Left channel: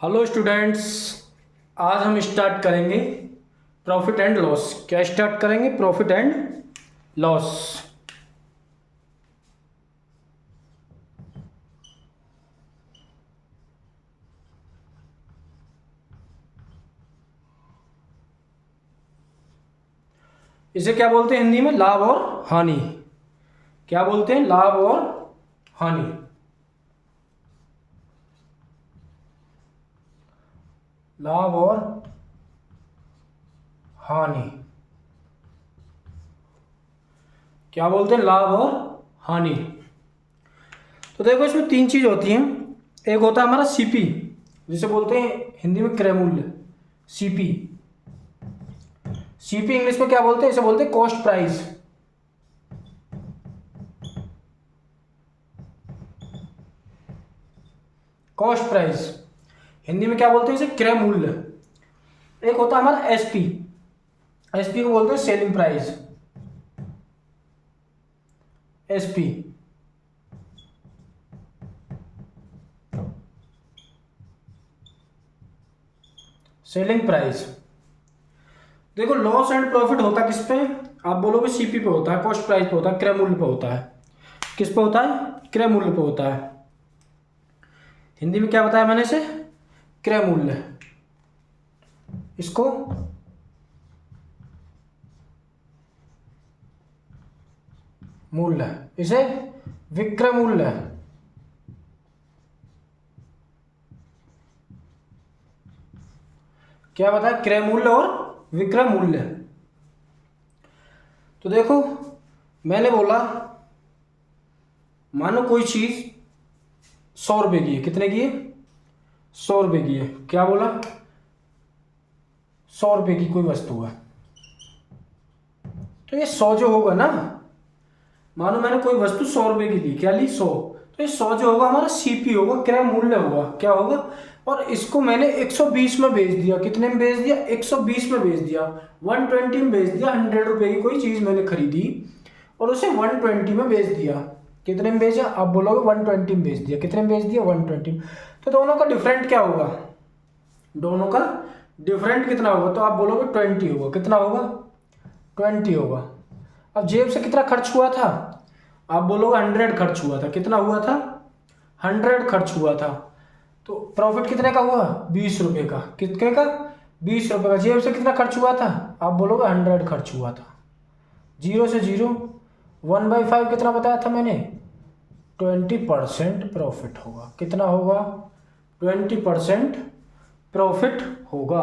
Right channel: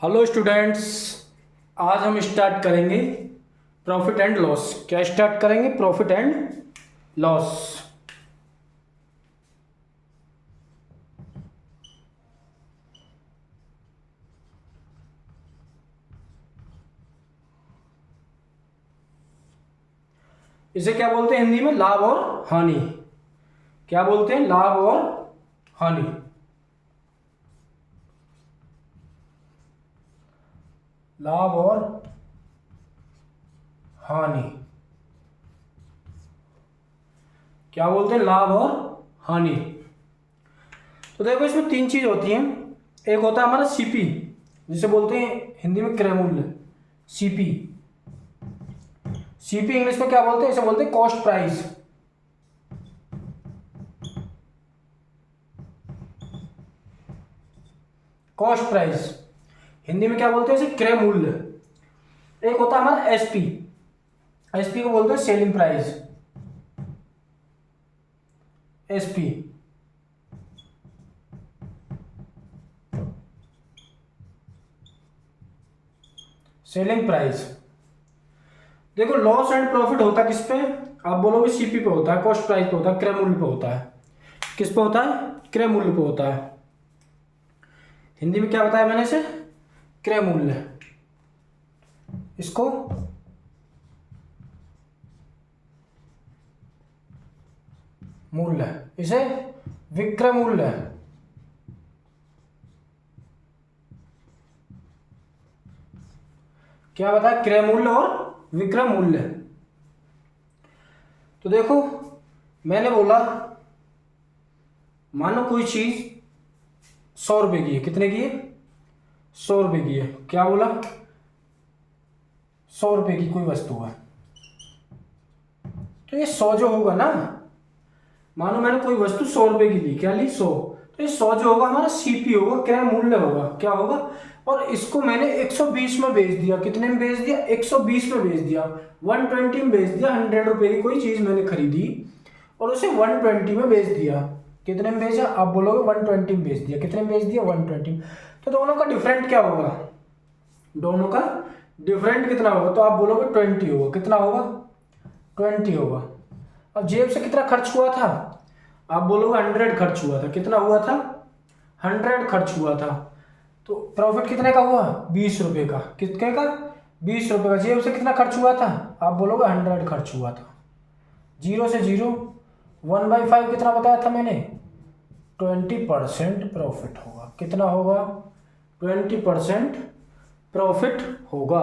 Hello students, आज हम start करेंगे प्रॉफिट एंड लॉस। क्या स्टार्ट करेंगे? Profit and loss. इसे क्या बोलते हैं हिंदी में? लाभ और हानि। क्या बोलते हैं? लाभ और हानि। लाभ और हानि। क्या बोलते हैं? लाभ और हानि। तो देखो, इसमें तीन चीज होती हैं। एक होता है हमारा सीपी, जिसे बोलते हैं हिंदी में क्रय मूल्य। सीपी। सीपी इंग्लिश में क्या बोलते हैं? इसे बोलते हैं cost price. Cost price Hindi में क्या बोलते हैं? इसे क्रय मूल्य। एक होता है हमारा एसपी। एसपी को बोलते हैं selling price. SP. Selling price. देखो, लॉस एंड प्रॉफिट होता किस पे? आप बोलोगे सीपी पे होता है, कॉस्ट प्राइस पे होता है, क्रय मूल्य पे होता है। किस पे होता है? क्रय मूल्य पे होता है। हिंदी में क्या बताया मैंने इसे? क्रय मूल्य। इसको मूल्य, इसे विक्रय मूल्य। क्या बताया? क्रय मूल्य और विक्रय मूल्य। तो देखो, मैंने बोला मानो कोई चीज 100 रुपए की है। कितने की है? 100 रुपए की है। क्या बोला? 100 रुपए की कोई वस्तु है। तो ये 100 जो होगा ना, मानो मैंने कोई वस्तु 100 रुपए की ली। क्या ली? 100। तो ये 100 जो होगा हमारा सीपी होगा, क्रय मूल्य होगा। क्या होगा? और इसको मैंने 120 में बेच दिया। कितने में बेच दिया? 120 में बेच दिया। 120 में बेच दिया। 100 रुपए की कोई चीज मैंने खरीदी और उसे 120 में बेच दिया। कितने में बेचा? आप बोलोगे 120 में बेच दिया। कितने में बेच दिया? 120 में। तो दोनों का डिफरेंट क्या होगा? दोनों का डिफरेंट कितना होगा? तो आप बोलोगे 20 होगा। कितना होगा? 20 होगा। अब जेब से कितना खर्च हुआ था? आप बोलोगे 100 खर्च हुआ था। कितना हुआ था? 100 खर्च हुआ था। तो प्रॉफिट कितने का हुआ? 20 रुपए का। कितने का? 20 रुपए का। जेब से कितना खर्च हुआ था? आप बोलोगे 100 खर्च हुआ था। जीरो से जीरो। 1/5 कितना बताया था मैंने? 20% प्रॉफिट होगा। कितना होगा? 20% प्रॉफिट होगा।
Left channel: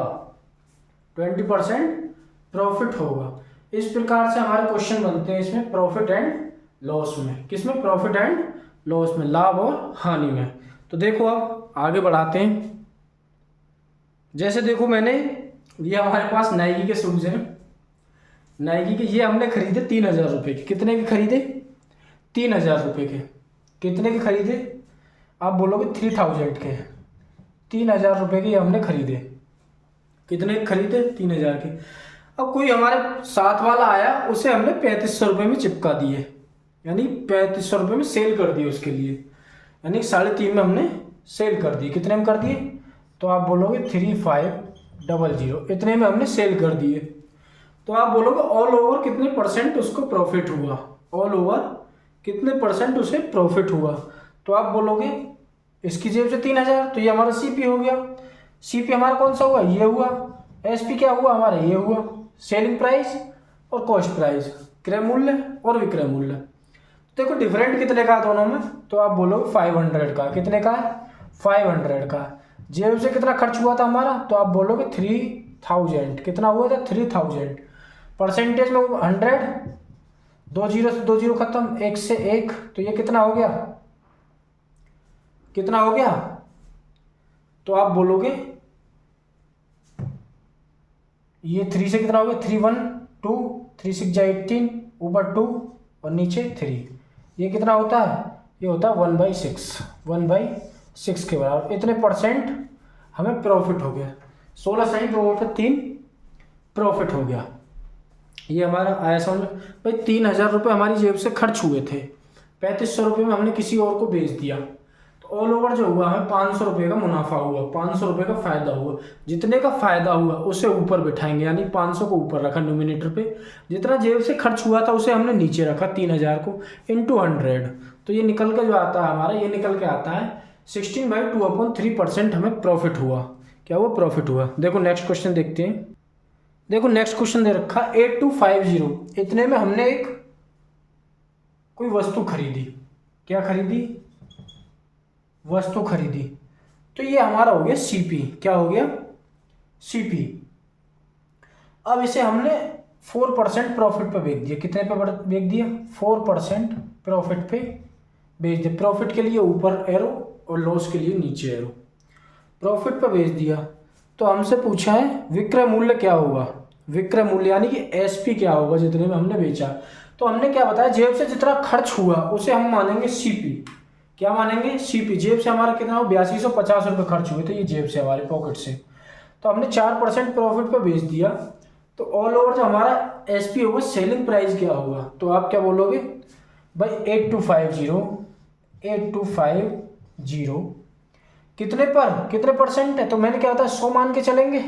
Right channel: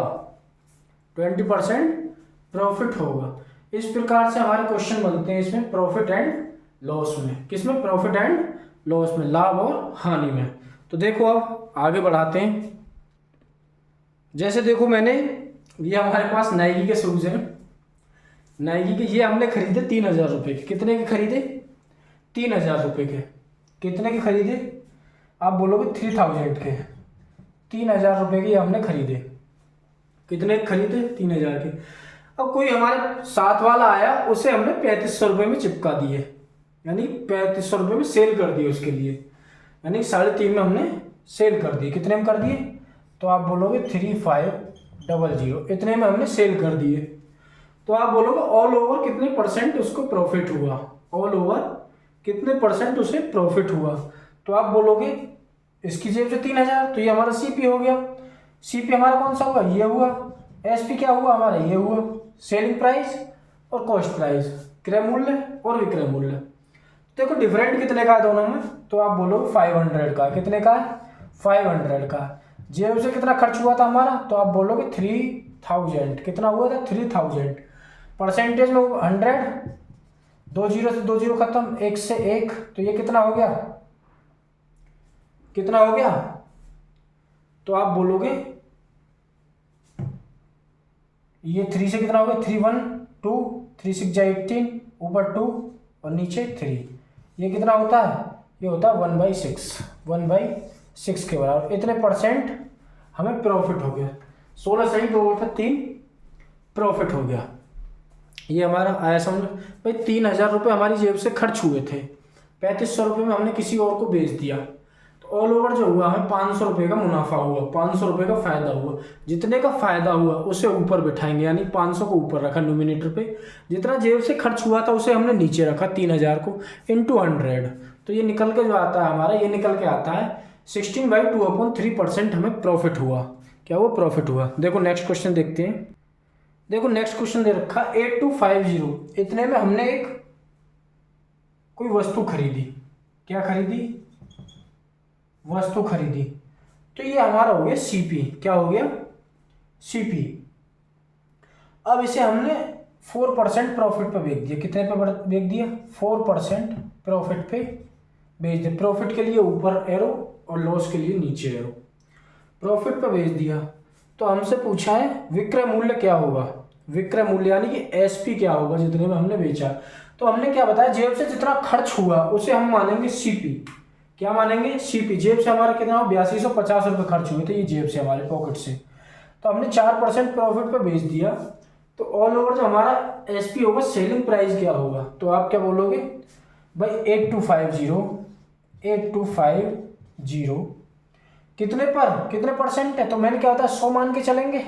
20% प्रॉफिट होगा। इस प्रकार से हमारे क्वेश्चन बनते हैं इसमें प्रॉफिट एंड लॉस में। किसमें? प्रॉफिट एंड लॉस में, लाभ और हानि में। तो देखो, अब आगे बढ़ाते हैं। जैसे देखो, मैंने ये हमारे पास नाइकी के शूज हैं। नाइकी के ये हमने खरीदे 3,000 रुपए के। कितने के खरीदे? 3,000 रुपए के। कितने के खरीदे? आप बोलोगे 3,000 के। 3,000 रुपए के हमने खरीदे। कितने के खरीदे? 3,000 के। अब कोई हमारे साथ वाला आया, उसे हमने 3,500 रुपये में चिपका दिए। यानी 3,500 रुपये में सेल कर दिए उसके लिए। यानी 3,500 में हमने सेल कर दिए। कितने में कर दिए? तो आप बोलोगे 3,500। इतने में हमने सेल कर दिए। तो आप बोलोगे ऑल ओवर कितने परसेंट उसको प्रॉफिट हुआ? ऑल ओवर कितने परसेंट उसे प्रॉफिट हुआ? तो आप बोलोगे इसकी जेब से 3,000, तो ये हमारा सीपी हो गया। सीपी हमारा कौन सा हुआ? ये हुआ। एसपी क्या हुआ हमारा? ये हुआ। सेलिंग प्राइस और कॉस्ट प्राइस, क्रय मूल्य और विक्रय मूल्य। देखो, डिफरेंट कितने का है दोनों में? तो आप बोलो 500 का। कितने का? 500 का। जेब से कितना खर्च हुआ था हमारा? तो आप बोलोगे 3,000। कितना हुआ था? 3,000। परसेंटेज में 100। 2 जीरो से 2 जीरो खत्म, 1 से 1। तो ये कितना हो गया? कितना हो गया? तो आप बोलोगे ये 3 से कितना हो गया? 3 1 2, 3 6 जा 18, ऊपर 2 और नीचे 3। ये कितना होता है? ये होता है 1/6। 1/6 के बराबर। इतने परसेंट हमें प्रॉफिट हो गया। 16 सही, 2 और 3 प्रॉफिट हो गया। ये हमारा आया समझ में? भाई 3,000 रुपये हमारी जेब से खर्च हुए थे। 3,500 रुपये में हमने किसी और को बेच दिया। तो तो ऑल ओवर जो हुआ हमें 500 रुपये का मुनाफा हुआ, 500 रुपये का फायदा हुआ। जितने का फायदा हुआ उसे ऊपर बिठाएंगे, यानी 500 को ऊपर रखा न्यूमिनेटर पे, जितना जेब से खर्च हुआ था उसे हमने नीचे रखा 3000 को इंटू 100। तो ये निकल के जो आता है हमारा, ये निकल के आता है 16/2/3% हमें प्रॉफिट हुआ। क्या हुआ? प्रॉफिट हुआ। देखो नेक्स्ट क्वेश्चन देखते हैं। देखो नेक्स्ट क्वेश्चन दे रखा 8250, इतने में हमने एक कोई वस्तु खरीदी। क्या खरीदी? वस्तु खरीदी। तो ये हमारा हो गया सीपी। क्या हो गया? सीपी। अब इसे हमने 4% प्रॉफिट पे बेच दिया। कितने पे बेच दिया? 4% प्रॉफिट पे बेच दिया। प्रॉफिट के लिए ऊपर एरो और लॉस के लिए नीचे एरो। प्रॉफिट पे बेच दिया। तो हमसे पूछा है विक्रय मूल्य क्या होगा। विक्रय मूल्य यानी कि एसपी क्या होगा जितने में हमने बेचा। तो हमने क्या बताया, जेब से जितना खर्च हुआ उसे हम मानेंगे सीपी। क्या मानेंगे? सीपी। जेब से हमारा कितना हो? 8250 रुपये खर्च हुए थे, ये जेब से हमारे पॉकेट से। तो हमने 4% प्रॉफिट पे बेच दिया। तो ऑल ओवर जो हमारा एसपी होगा, सेलिंग प्राइस क्या होगा? तो आप क्या बोलोगे भाई? 8250 कितने पर, कितने परसेंट है? तो मैंने क्या होता है 100 मान के चलेंगे,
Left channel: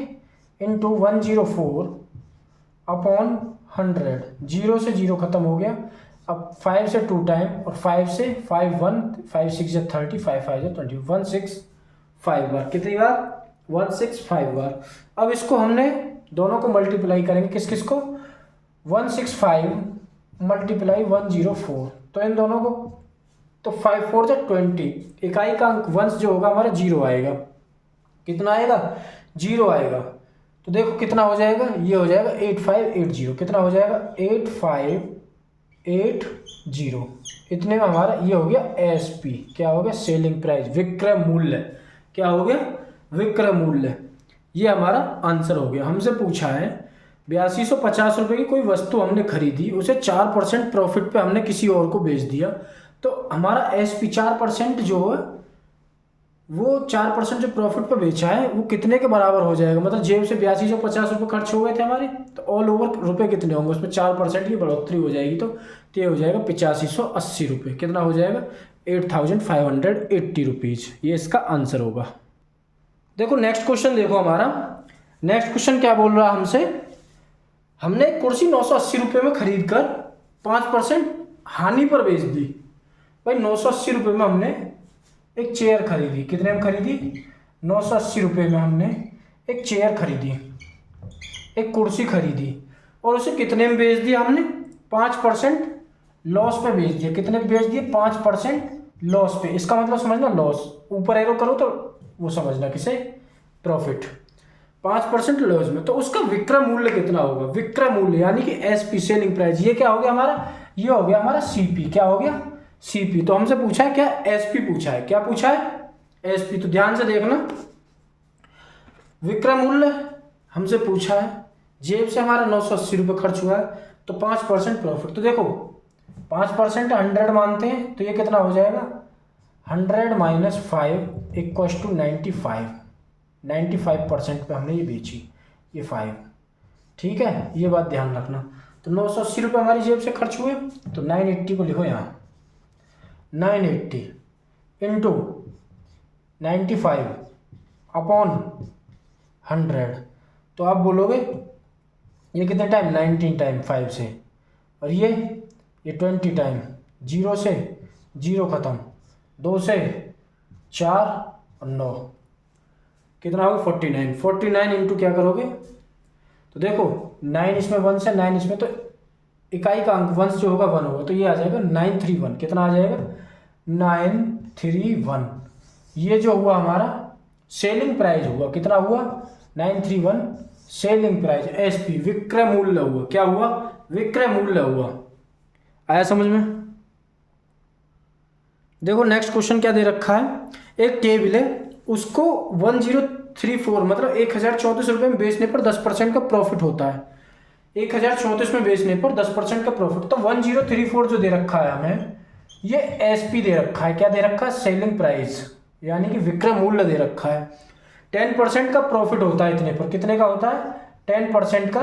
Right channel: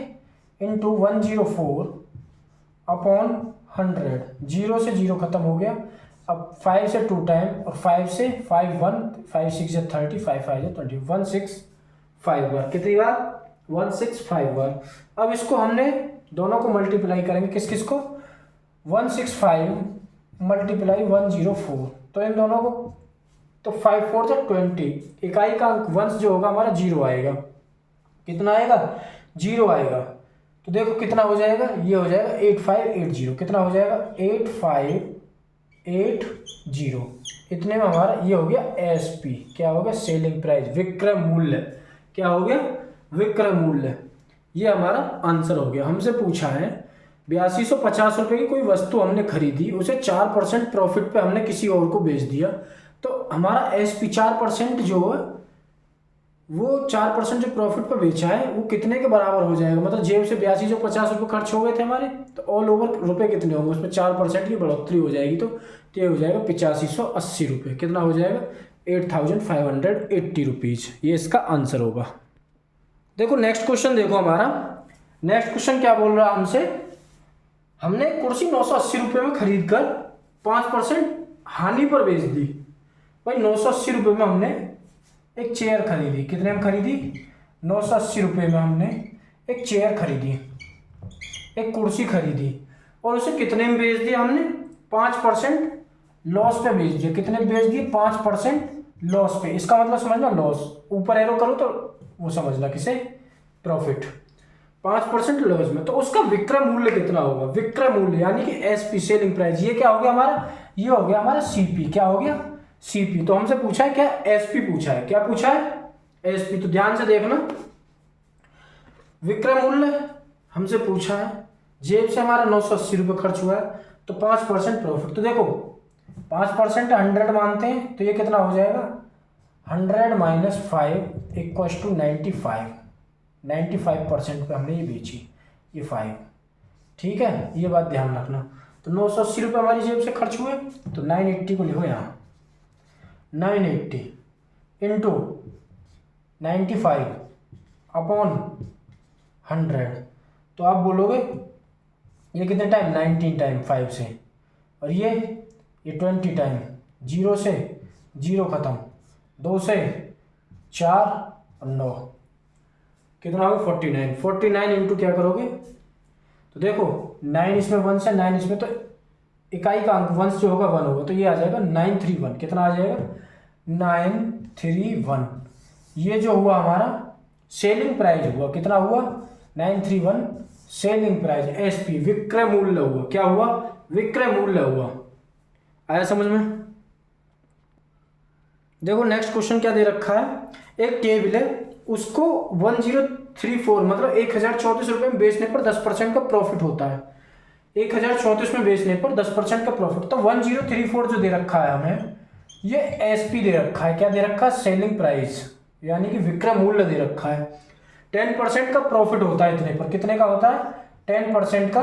इंटू 104/100। 0 से 0 खत्म हो गया। अब 5 से 2 टाइम और 5 से 5 1 5 6 या 30 5 5 या 20 165 बार। कितनी बार? 165 बार। अब इसको हमने दोनों को मल्टीप्लाई करेंगे। किस किस को? 165 मल्टीप्लाई 104। तो इन दोनों को, तो 5 4 जा 20। इकाई का अंक वंश जो होगा हमारा 0 आएगा। कितना आएगा? 0 आएगा। तो देखो कितना हो जाएगा, ये हो जाएगा 8580। कितना हो जाएगा? 8580। इतने में हमारा ये हो गया एसपी। क्या हो गया? सेलिंग प्राइस, विक्रय मूल्य। क्या हो गया? विक्रय मूल्य। ये हमारा आंसर हो गया। हमसे पूछा है 8250 रुपये की कोई वस्तु हमने खरीदी, उसे 4% प्रॉफिट पे हमने किसी और को बेच दिया। तो हमारा एसपी 4% जो है, वो 4% जो प्रॉफिट पे बेचा है वो कितने के बराबर हो जाएगा? मतलब जेब से 8250 रुपये खर्च हो गए थे हमारे, तो ऑल ओवर रुपए कितने होंगे? उसमें 4% की बढ़ोतरी हो जाएगी। तो ये हो जाएगा 8580 रुपये। कितना हो जाएगा? 8580 रुपीज़। ये इसका आंसर होगा। देखो नेक्स्ट क्वेश्चन देखो हमारा। नेक्स्ट क्वेश्चन क्या बोल रहा है हमसे, हमने एक कुर्सी 980 रुपये में खरीद कर 5% हानि पर बेच दी। भाई 980 रुपये में हमने एक चेयर खरीदी। कितने में खरीदी? 980 रुपये में हमने एक चेयर खरीदी, एक कुर्सी खरीदी, और उसे कितने में बेच दिया हमने? 5% लॉस पे बेच दिया। कितने बेच दिए? 5% लॉस पे। इसका मतलब समझना, लॉस ऊपर एरो करो तो वो समझना किसे? प्रॉफिट। 5% लॉस में। तो उसका विक्रय मूल्य कितना होगा? विक्रय मूल्य यानी कि एसपी, सेलिंग प्राइस। ये क्या हो गया हमारा? ये हो गया हमारा सीपी। क्या हो गया? सीपी। तो हमसे पूछा है क्या? एसपी पूछा है। क्या पूछा है? एसपी। तो ध्यान से देखना, विक्रय मूल्य हमसे पूछा है, जेब से हमारा 980 रुपये खर्च हुआ है, तो 5% प्रॉफिट। तो देखो 5% 100 मानते हैं, तो ये कितना हो जाएगा? 100 माइनस 5 इक्वल्स टू 95। 95% पे हमने ये बेची, ये 5। ठीक है, ये बात ध्यान रखना। तो 980 रुपये हमारी जेब से खर्च हुए, तो 980 को लिखो यहाँ, 980 इंटू 95/100। तो आप बोलोगे ये कितने टाइम? 19 टाइम 5 से, और ये 20 टाइम। 0 से 0 खत्म, 2 से 4 और 9, कितना होगा? 49। 49 इंटू क्या करोगे? तो देखो 9 इसमें 1 से 9 इसमें, तो इकाई का अंक वंश जो होगा 1 होगा। तो ये आ जाएगा 931। कितना आ जाएगा? 931। ये जो हुआ हमारा सेलिंग प्राइस हुआ। कितना हुआ? 931 सेलिंग प्राइस, एसपी, विक्रय मूल्य हुआ। क्या हुआ? विक्रय मूल्य हुआ। आया समझ में? देखो नेक्स्ट क्वेश्चन क्या दे रखा है, एक टेबल है, उसको 1034 मतलब 1034 रुपये में बेचने पर 10% का प्रॉफिट होता है। 1034 में बेचने पर 10% का प्रॉफिट। तो 1034 जो दे रखा है हमें, ये एसपी दे रखा है। क्या दे रखा है? सेलिंग प्राइस, यानी कि विक्रय मूल्य दे रखा है। 10% का प्रॉफिट होता है इतने पर। कितने का होता है? 10% का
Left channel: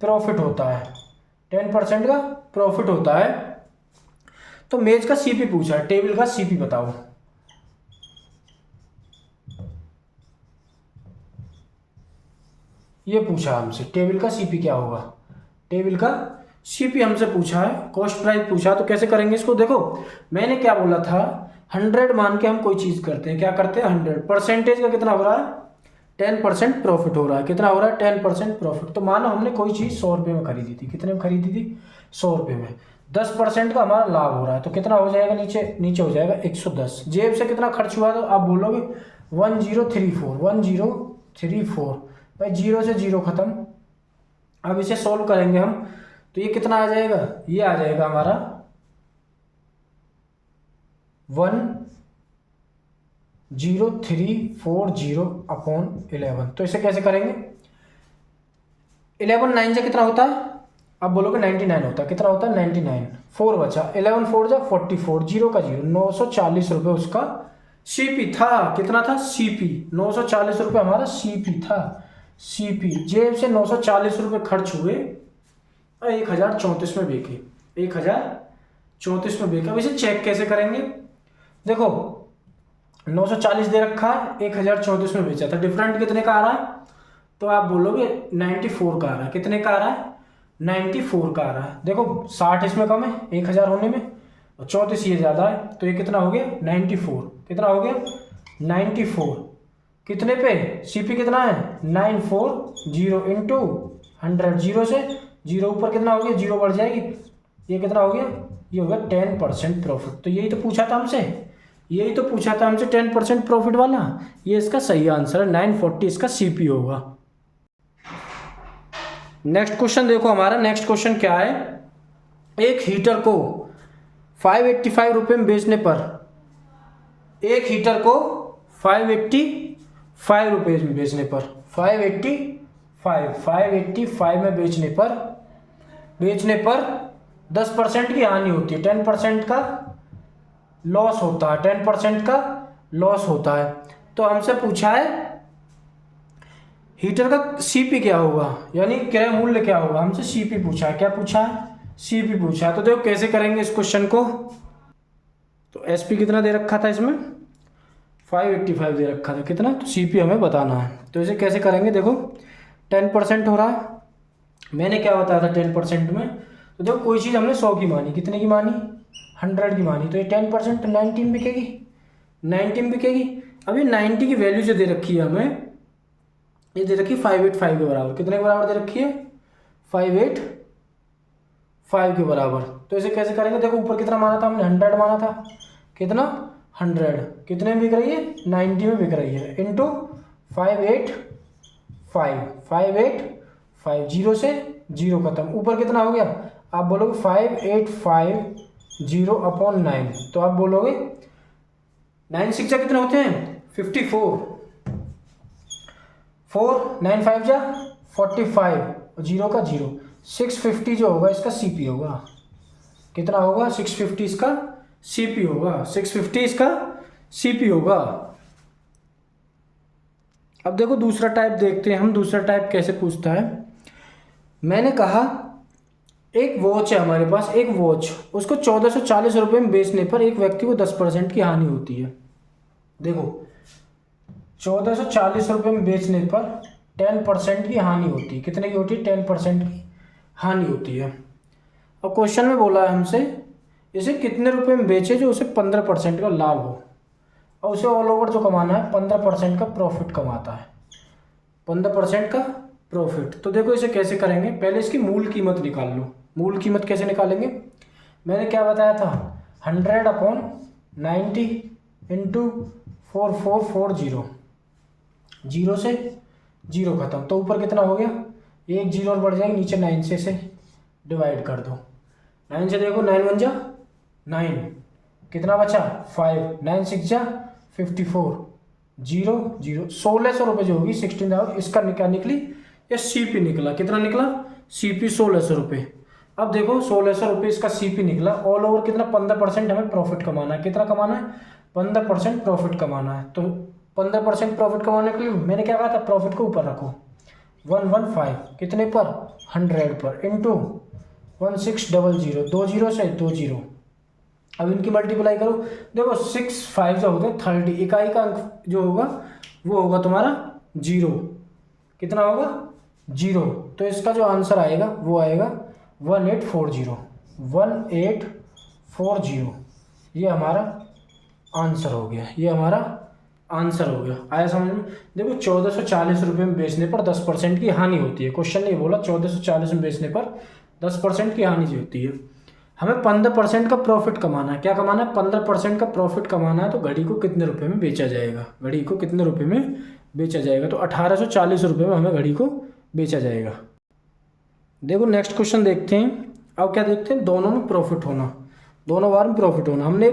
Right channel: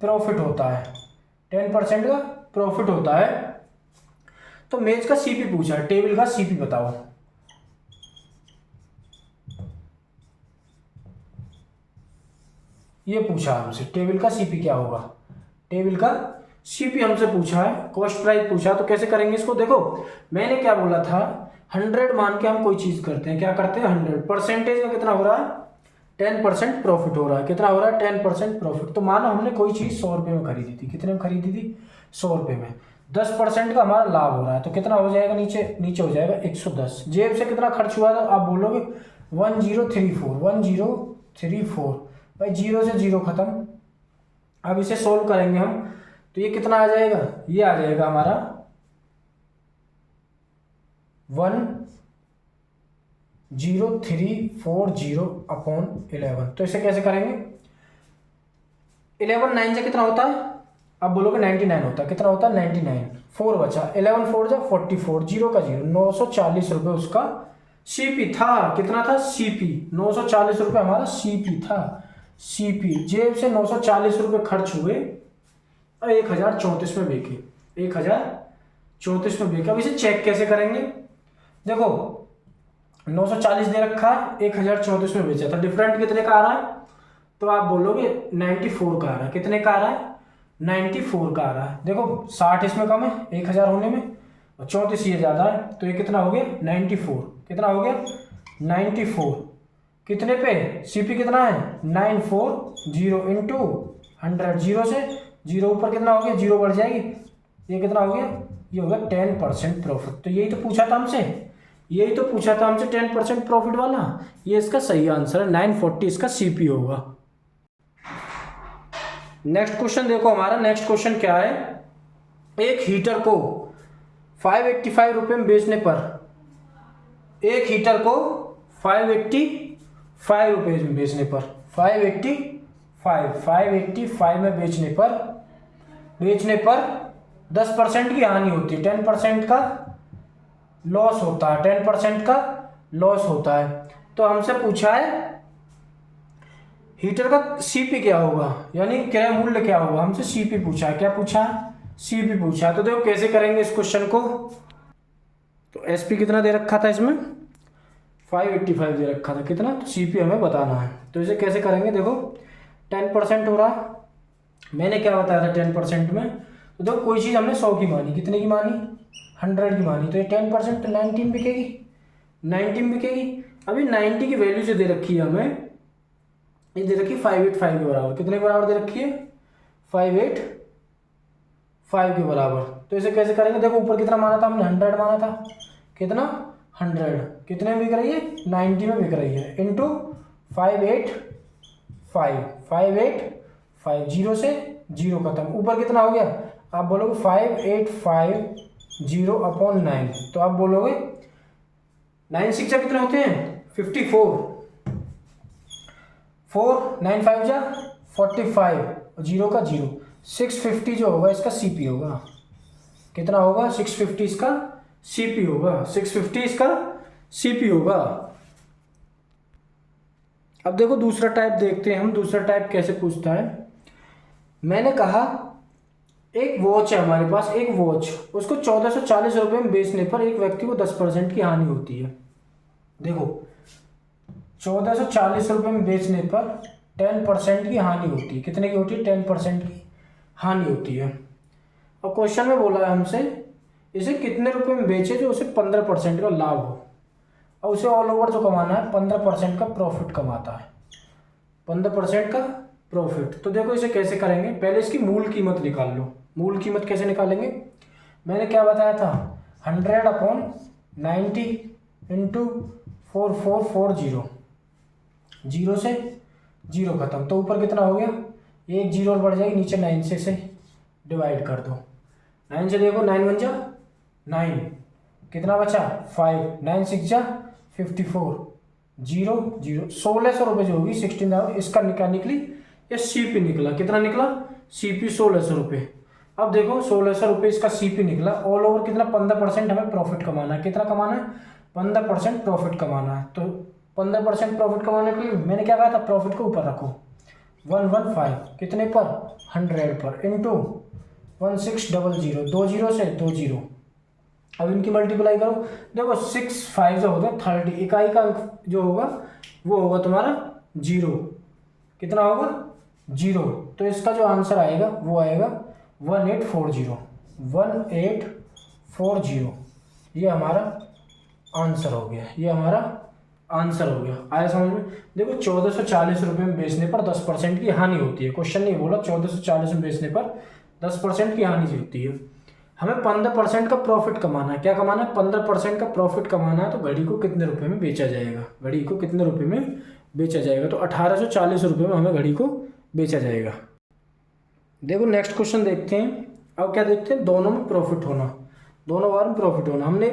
प्रॉफिट होता है। 10% का प्रॉफिट होता है। तो मेज का सीपी पूछा है, टेबल का सीपी बताओ। ये पूछा हमसे टेबल का सीपी क्या होगा, टेबल का सीपी हमसे पूछा है, कॉस्ट प्राइस पूछा। तो कैसे करेंगे इसको, देखो मैंने क्या बोला था, 100 मान के हम कोई चीज़ करते हैं, क्या करते हैं 100 परसेंटेज का कितना हो रहा है 10% प्रॉफिट हो रहा है, कितना हो रहा है 10% प्रॉफिट। तो मानो हमने कोई चीज़ 100 रुपये में खरीदी थी, कितने में खरीदी थी 100 रुपये में, 10% का हमारा लाभ हो रहा है, तो कितना हो जाएगा नीचे नीचे हो जाएगा 110। जेब से कितना खर्च हुआ था आप बोलोगे 1034 भाई, जीरो से जीरो खत्म। अब इसे सोल्व करेंगे हम, तो ये कितना आ जाएगा, ये आ जाएगा हमारा 10340 अपॉन 11। तो इसे कैसे करेंगे, 11 9 से कितना होता है, अब बोलोगे 99 होता है, कितना होता है 99, 4 बचा, 11 4 जा 44, जीरो का जीरो, 940 रुपये उसका सीपी था। कितना था सीपी, 940 रुपये हमारा सीपी था, सीपी। जेब से 940 रुपये खर्च हुए, 1034 में बेचे, 1034 में बेचा। अब इसे चेक कैसे करेंगे, देखो 940 दे रखा है, 1034 में बेचा था, डिफरेंट कितने का आ रहा है, तो आप बोलोगे 94 का आ रहा है, कितने का आ रहा है 94 का आ रहा है। देखो 60 इसमें कम है 1000 होने में, और 34 ये ज़्यादा है, तो ये कितना हो गया 94, कितना हो गया 94, कितने पे सीपी कितना है 940 इंटू 100, जीरो से जीरो ऊपर कितना हो गया, जीरो बढ़ जाएगी, ये कितना हो गया, ये हो गया 10% प्रॉफिट। तो यही तो पूछा था हमसे, यही तो पूछा था हमसे 10% प्रॉफिट वाला, ये इसका सही आंसर है, 940 इसका सीपी होगा। नेक्स्ट क्वेश्चन देखो हमारा, नेक्स्ट क्वेश्चन क्या है, एक हीटर को 585 रुपये में बेचने पर, एक हीटर को 585 रुपये में बेचने पर, 585 में बेचने पर 10% की हानि होती है, 10% का लॉस होता है, 10% का लॉस होता है। तो हमसे पूछा है हीटर का सीपी क्या होगा, यानी क्रय मूल्य क्या होगा, हमसे सीपी पूछा है, क्या पूछा है सीपी पूछा है। तो देखो कैसे करेंगे इस क्वेश्चन को, तो एसपी कितना दे रखा था इसमें 585 दे रखा था, कितना, तो सीपी हमें बताना है। तो इसे कैसे करेंगे, देखो 10% हो रहा है, मैंने क्या बताया था 10% में, तो देखो कोई चीज़ हमने 100 की मानी, कितने की मानी 100 की मानी, तो ये 10% 19 बिकेगी, 19 बिकेगी। अभी 90 की वैल्यू जो दे रखी है हमें, ये दे रखी है 585 के बराबर, कितने के बराबर दे रखी है 585 के बराबर। तो इसे कैसे करेंगे, देखो ऊपर कितना माना था हमने 100 माना था, कितना 100, कितने में बिक रही है 90 में बिक रही है, इंटू 585 जीरो से जीरो खत्म, ऊपर कितना हो गया, आप बोलोगे 585 अपॉन 9, तो आप बोलोगे 9 6 कितने होते हैं 54, 4 9 5 जा 45, जीरो का जीरो, 650 जो होगा इसका सीपी होगा, कितना होगा 650 इसका सीपी होगा, 650 इसका सीपी होगा। अब देखो दूसरा टाइप देखते हैं हम, दूसरा टाइप कैसे पूछता है। मैंने कहा एक वॉच है हमारे पास, एक वॉच, उसको 1440 रुपये में बेचने पर एक व्यक्ति को 10% की हानि होती है। देखो 1440 रुपये में बेचने पर 10% की हानि होती है, कितने की होती है 10% की हानि होती है। और क्वेश्चन में बोला है हमसे इसे कितने रुपए में बेचे जो उसे 15% का लाभ हो, और उसे ऑल ओवर जो कमाना है 15% का प्रॉफिट कमाता है, 15% का प्रॉफिट। तो देखो इसे कैसे करेंगे, पहले इसकी मूल कीमत निकाल लो। मूल कीमत कैसे निकालेंगे, मैंने क्या बताया था 100 अपॉन 90 इंटू 4440, जीरो से जीरो खत्म, तो ऊपर कितना हो गया, एक जीरो और बढ़ जाएगी, नीचे 9 से डिवाइड कर दो, 9 से देखो 9 1 जा 9, कितना बचा 5, 9 6 जा 54, जीरो जीरो, 1600 रुपये जो होगी 16,000, इसका निकली ये सीपी निकला, कितना निकला सीपी 1600 रुपये। अब देखो 1600 रुपये इसका सीपी निकला, ऑल ओवर कितना 15% हमें प्रॉफिट कमाना है, कितना कमाना है 15% प्रॉफिट कमाना है। तो 15% प्रॉफिट कमाने के लिए मैंने क्या कहा था, प्रॉफिट को ऊपर रखो 115, कितने पर 100 पर, इंटू 1600, 2 जीरो से 2 जीरो, अब इनकी मल्टीप्लाई करो, देखो 6 5 जो होगा 30, इकाई का अंक जो होगा वो होगा तुम्हारा जीरो, कितना होगा जीरो, तो इसका जो आंसर आएगा वो आएगा 1840, 1840। ये हमारा आंसर हो गया, ये हमारा आंसर हो गया। आया समझ में? देखो 1440 रुपये में बेचने पर 10% की हानि होती है। क्वेश्चन नहीं बोला 1440 में बेचने पर 10% की हानि होती है। हमें 15% का प्रॉफिट कमाना है। क्या कमाना है? 15% का प्रॉफिट कमाना है। तो घड़ी को कितने रुपए में बेचा जाएगा? घड़ी को कितने रुपए में बेचा जाएगा? तो 1840 रुपये में हमें घड़ी को बेचा जाएगा। देखो नेक्स्ट क्वेश्चन देखते हैं। अब क्या देखते हैं? दोनों में प्रॉफिट होना, दोनों बार में प्रॉफिट होना। हमने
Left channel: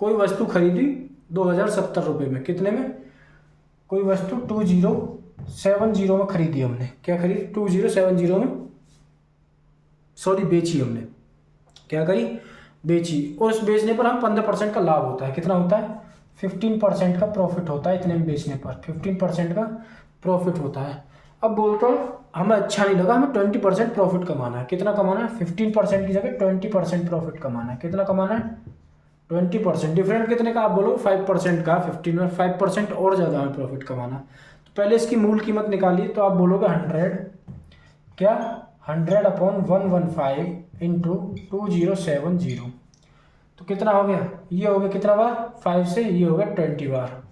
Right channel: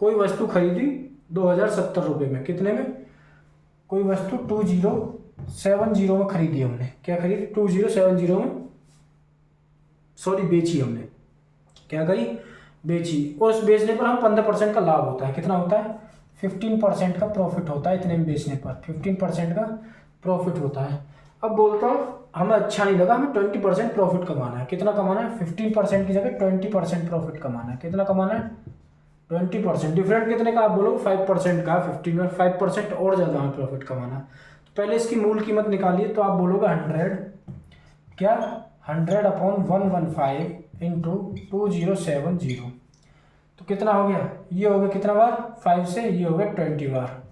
कोई वस्तु खरीदी 2070 रुपये में। कितने में? कोई वस्तु 2070 में खरीदी हमने। क्या खरीदी? 2070 में, सॉरी बेची हमने। क्या करी? बेची। और उस बेचने पर हम 15% का लाभ होता है। कितना होता है? 15% का प्रॉफिट होता है। इतने में बेचने पर 15% का प्रॉफिट होता है। अब बोलता हूँ हमें अच्छा नहीं लगा, हमें 20% प्रॉफिट कमाना है। कितना कमाना है? 15% की जगह 20% प्रॉफिट कमाना है। कितना कमाना है? 20%। डिफरेंट कितने का? आप बोलो 5% का। 15 में 5% और ज़्यादा हमें प्रॉफिट कमाना है। तो पहले इसकी मूल कीमत निकालिए। तो आप बोलोगे 100, क्या 100/115 इंटू 2070। तो कितना हो गया? ये हो गया कितना बार? 5 से। ये हो गया 20 बार।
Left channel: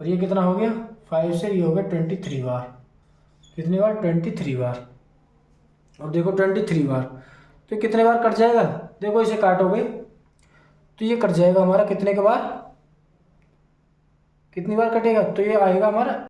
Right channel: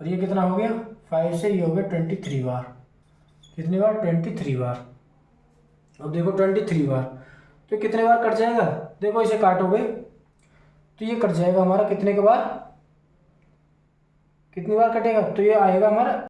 और ये कितना हो गया? 5 से। ये हो गया 23 बार। कितनी बार? 23 बार। और देखो 23 बार, तो कितने बार कट जाएगा? देखो इसे काटोगे तो ये कट जाएगा हमारा कितने के बार? कितनी बार कटेगा? तो ये आएगा हमारा